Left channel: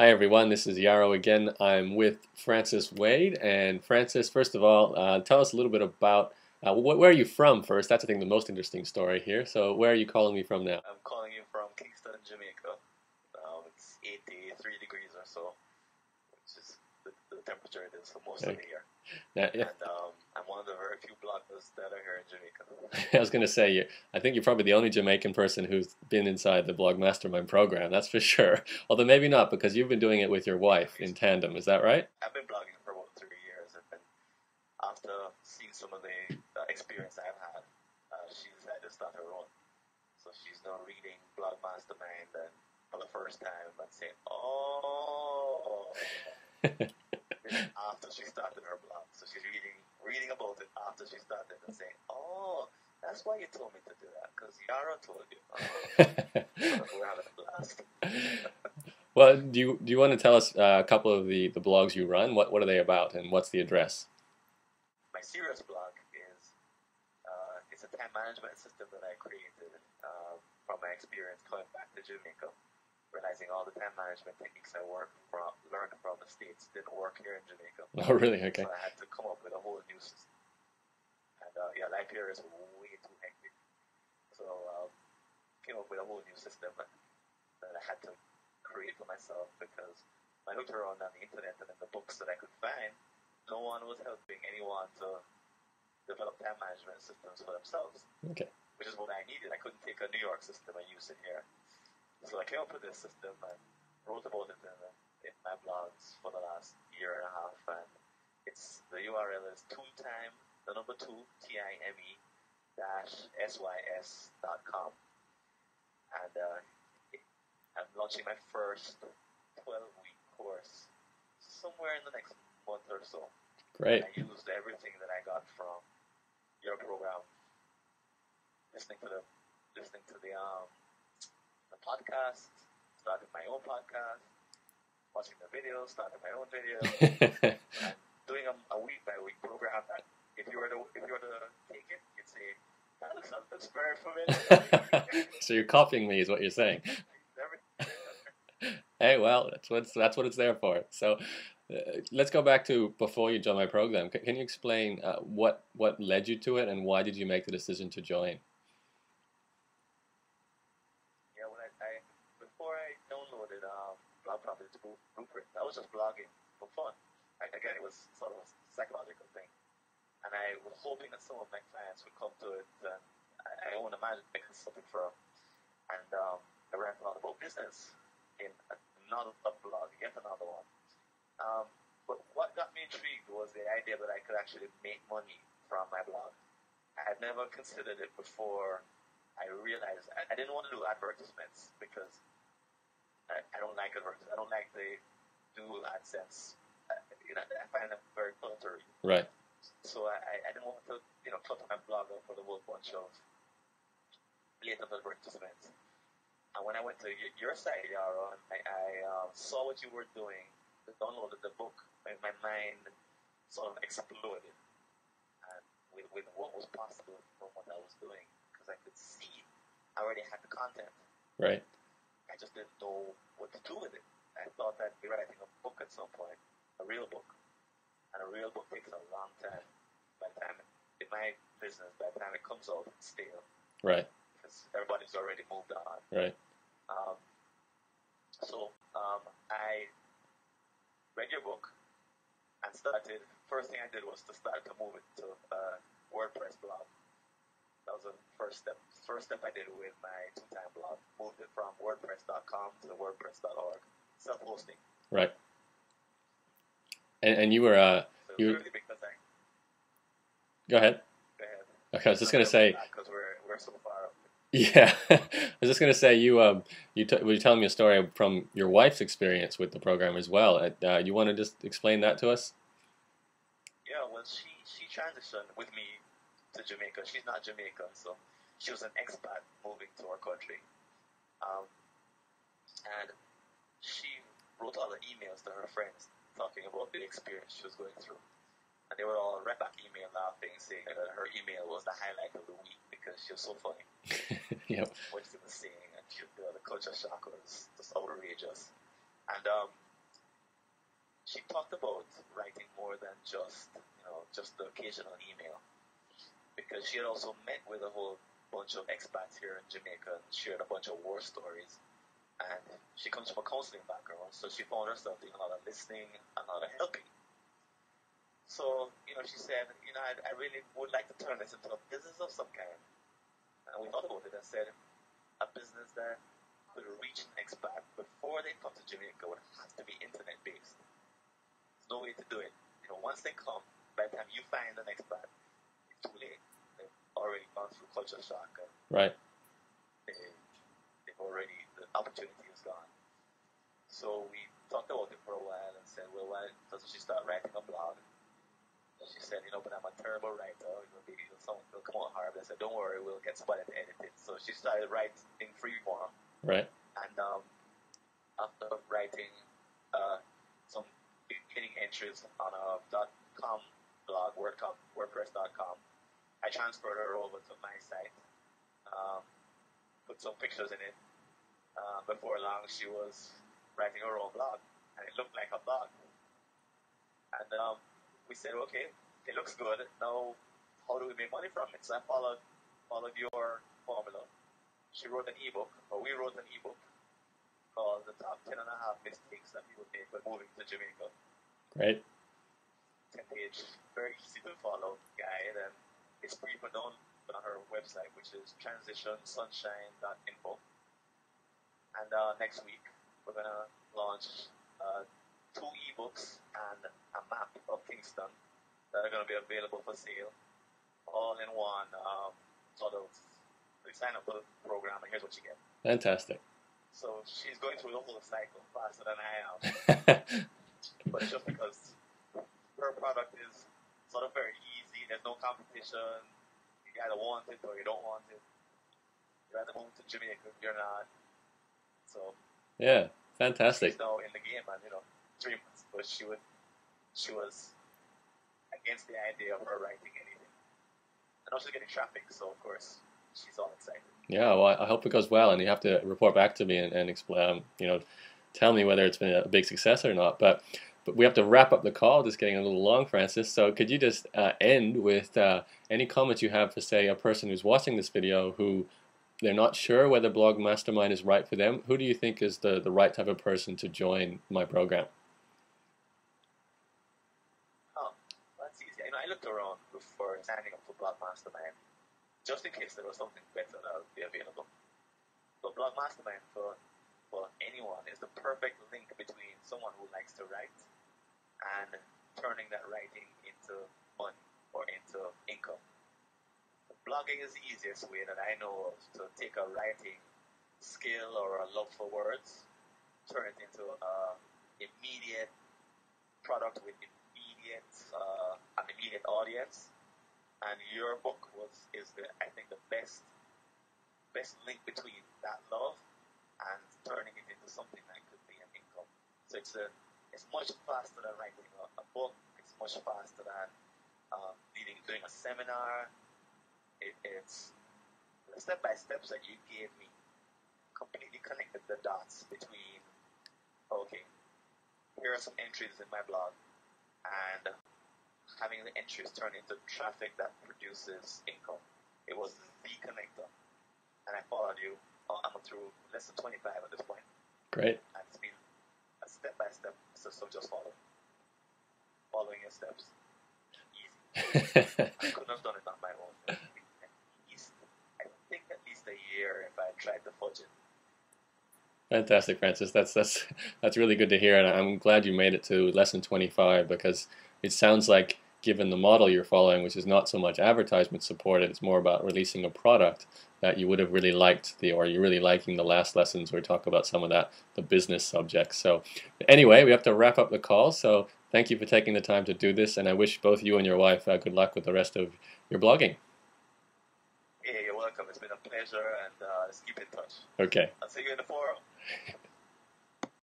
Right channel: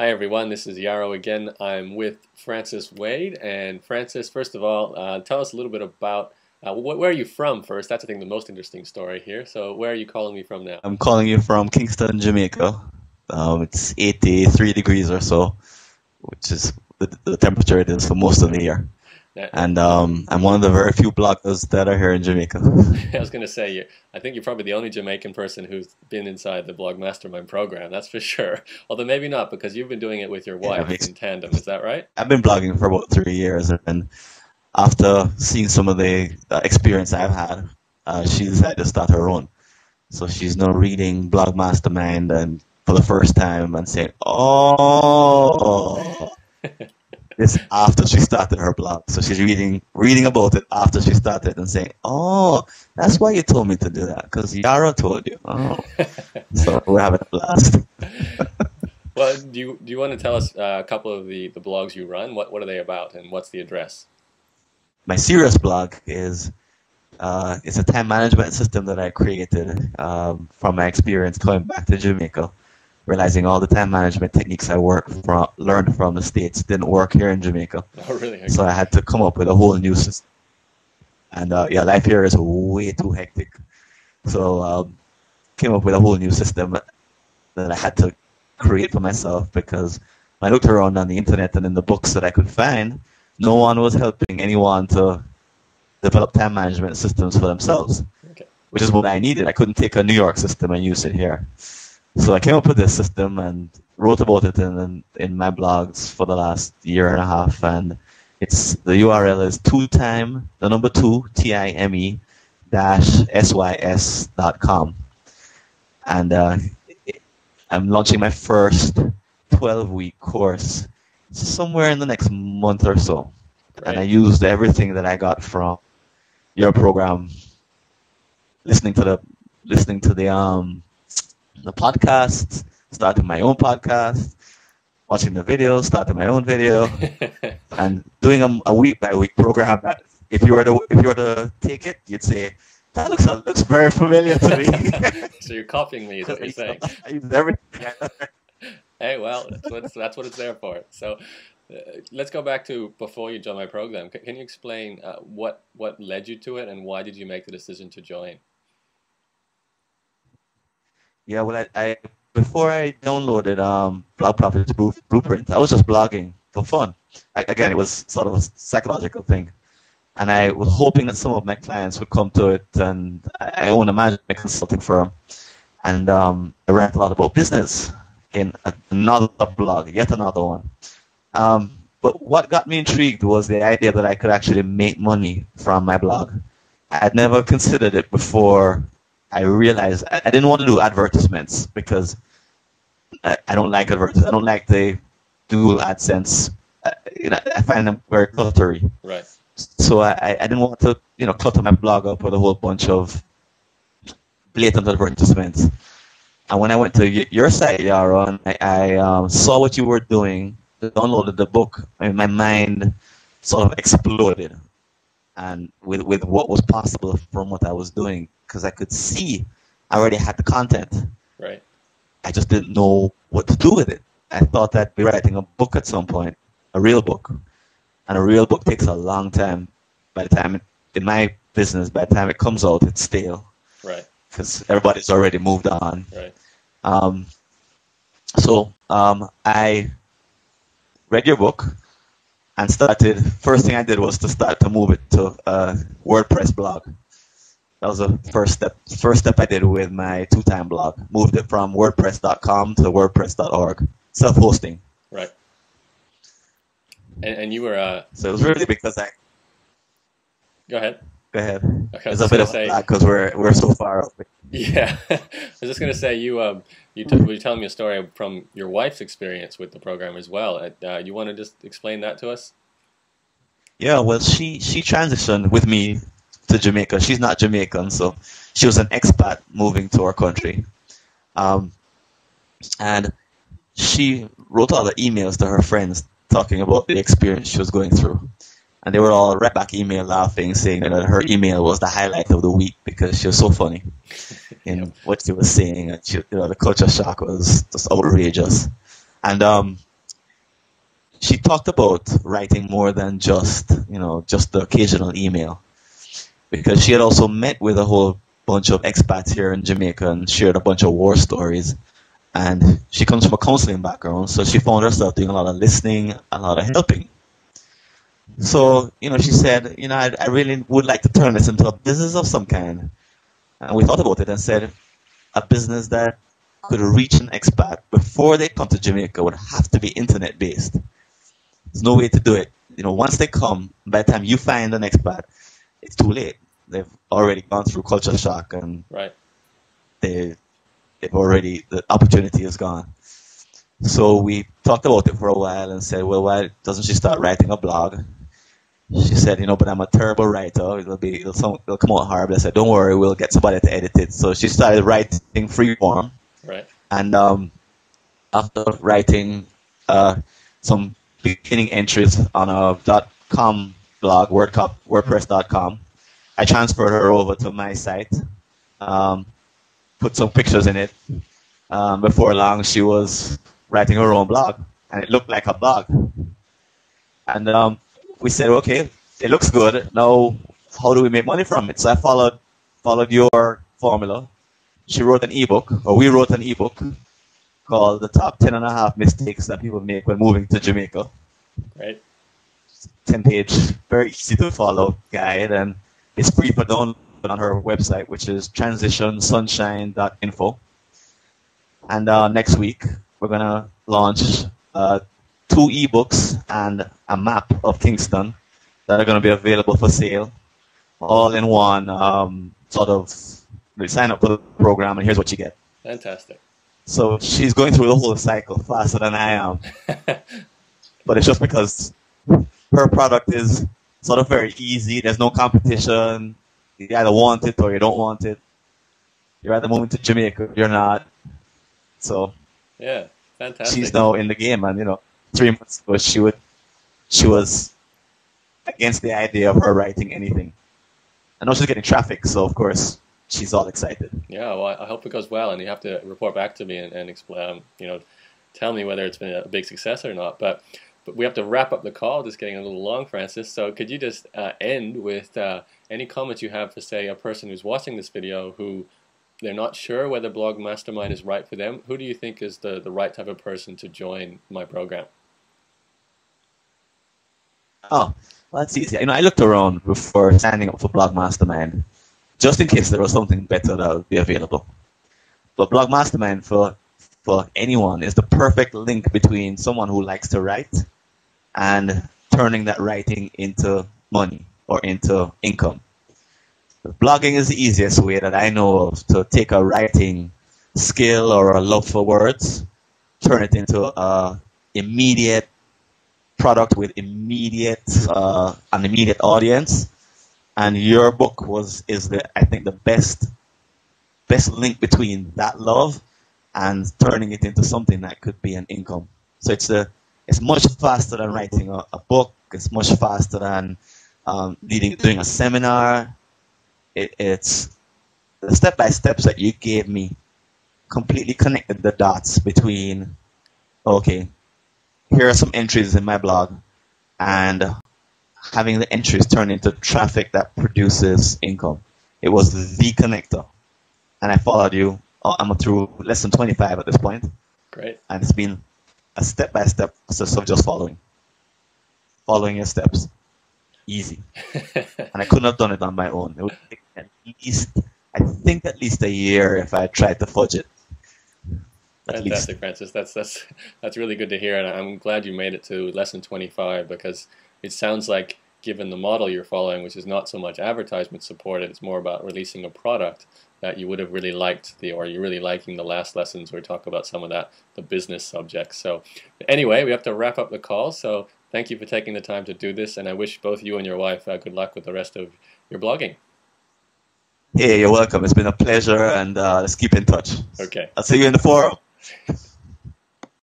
Hi everyone, this is Yarrow again. I'm with Francis Wade. And Francis, first of all, tell us a little bit about where are you from first? That's I think the most interesting story here. So where are you calling me from now? I'm calling you from Kingston, Jamaica. It's 83 degrees or so, which is the temperature it is for most of the year. And I'm one of the very few bloggers that are here in Jamaica. I was going to say, I think you're probably the only Jamaican person who's been inside the Blog Mastermind program, that's for sure. Although maybe not, because you've been doing it with your wife in tandem, is that right? I've been blogging for about 3 years, and after seeing some of the experience I've had, she decided to start her own. So she's now reading Blog Mastermind and for the first time and saying, "Oh." This after she started her blog. So she's reading about it after she started and saying, "Oh, that's why you told me to do that, because Yara told you." Oh. So we're having a blast. Well, do you want to tell us a couple of the blogs you run? What are they about, and what's the address? My serious blog is it's a time management system that I created from my experience coming back to Jamaica, realizing all the time management techniques I learned from the States didn't work here in Jamaica. Oh, really? Okay. So I had to come up with a whole new system. And yeah, life here is way too hectic. So came up with a whole new system that I had to create for myself, because I looked around on the internet and in the books that I could find, no one was helping anyone to develop time management systems for themselves, Okay. which is what I needed. I couldn't take a New York system and use it here. So I came up with this system and wrote about it in my blogs for the last year and a half. And the URL is time -sys.com. And I'm launching my first 12-week course somewhere in the next month or so. Great. And I used everything that I got from your program, listening to the podcast, starting my own podcast, watching the videos, starting my own video, and doing a week by week program. That if you were to take it, you'd say that looks very familiar to me. So you're copying me, is what you're saying. I use everything. Hey, well, that's what it's there for. So let's go back to before you joined my program. Can you explain what led you to it, and why did you make the decision to join? Yeah, well, I before I downloaded Blog Profits Blueprint, I was just blogging for fun. Again, it was sort of a psychological thing, and I was hoping that some of my clients would come to it. And I own a management consulting firm, and I read a lot about business in another blog, yet another one. But what got me intrigued was the idea that I could actually make money from my blog. I had never considered it before. I realized I didn't want to do advertisements, because I don't like advertisements. I don't like the dual AdSense. I find them very cluttery. Right. So I didn't want to clutter my blog up with a whole bunch of blatant advertisements. And when I went to your site, Yaron, I saw what you were doing, downloaded the book, and my mind sort of exploded, and with what was possible from what I was doing, because I could see I already had the content. Right. I just didn't know what to do with it. I thought I'd be writing a book at some point, a real book. And a real book takes a long time. By the time, in my business, by the time it comes out, it's stale. Right. Because everybody's already moved on. Right. So I read your book and first thing I did was to start to move it to a WordPress blog. That was the first step I did with my two-time blog. Moved it from WordPress.com to WordPress.org. Self-hosting. Right. And you were... So it was really because I... Go ahead. Go ahead. Okay, I was just going to say... Because we're so far up. Yeah. I was just going to say, you were telling me a story from your wife's experience with the program as well. You want to just explain that to us? Yeah, well, she transitioned with me to Jamaica. She's not Jamaican, so she was an expat moving to our country. And she wrote all the emails to her friends talking about the experience she was going through. And they were all right back email laughing, saying that her email was the highlight of the week because she was so funny in what she was saying. And the culture shock was just outrageous. And she talked about writing more than just, just the occasional email, because she had also met with a whole bunch of expats here in Jamaica and shared a bunch of war stories. And she comes from a counseling background, so she found herself doing a lot of listening, a lot of helping. So, she said, I really would like to turn this into a business of some kind. And we thought about it and said, a business that could reach an expat before they come to Jamaica would have to be internet based. There's no way to do it. Once they come, by the time you find an expat, it's too late. They've already gone through culture shock, and right. The opportunity is gone. So we talked about it for a while and said, well, why doesn't she start writing a blog? She said, but I'm a terrible writer. It'll come out horrible. I said, don't worry, we'll get somebody to edit it. So she started writing free form. Right. And after writing some beginning entries on a .com blog, WordPress.com, I transferred her over to my site, put some pictures in it. Before long, she was writing her own blog, and it looked like a blog. And we said, okay, it looks good. Now, how do we make money from it? So I followed your formula. She wrote an ebook, or we wrote an ebook called The Top 10.5 Mistakes That People Make When Moving to Jamaica. Great. 10-page, very easy to follow guide, and it's free for download on her website, which is transitionsunshine.info. And next week, we're going to launch 2 ebooks and a map of Kingston that are going to be available for sale, all in one sort of, sign up for the program and here's what you get. Fantastic. So she's going through the whole cycle faster than I am. But it's just because her product is sort of very easy. There's no competition. You either want it or you don't want it. You're either moving to Jamaica or you're not. So yeah, fantastic. She's now in the game, and 3 months ago she was against the idea of her writing anything. I know she's getting traffic, so of course she's all excited. Yeah, well, I hope it goes well, and you have to report back to me and explain, tell me whether it's been a big success or not. But we have to wrap up the call. Just getting a little long, Francis. So could you just end with any comments you have for, say, a person who's watching this video who they're not sure whether Blog Mastermind is right for them? Who do you think is the right type of person to join my program? Oh, well, that's easy. I looked around before signing up for Blog Mastermind, just in case there was something better that would be available. But Blog Mastermind for anyone is the perfect link between someone who likes to write and turning that writing into money or into income. Blogging is the easiest way that I know of to take a writing skill or a love for words, turn it into an immediate product with an immediate audience. And your book is I think the best link between that love and turning it into something that could be an income. So it's much faster than writing a book. It's much faster than doing a seminar. It's the step-by-steps that you gave me completely connected the dots between, okay, here are some entries in my blog, and having the entries turn into traffic that produces income. It was the connector. And I followed you. I'm through lesson 25 at this point. Great. And it's been a step-by-step process of just following your steps. Easy. And I couldn't have done it on my own. It would take at least a year if I tried to fudge it. Fantastic, Francis. That's really good to hear, and I'm glad you made it to lesson 25, because it sounds like, given the model you're following, which is not so much advertisement supported, it's more about releasing a product, that you would have really liked or you're really liking the last lessons where we talk about some of the business subjects. So anyway, we have to wrap up the call. So thank you for taking the time to do this, and I wish both you and your wife good luck with the rest of your blogging. Hey, you're welcome. It's been a pleasure, and let's keep in touch. Okay. I'll see you in the forum.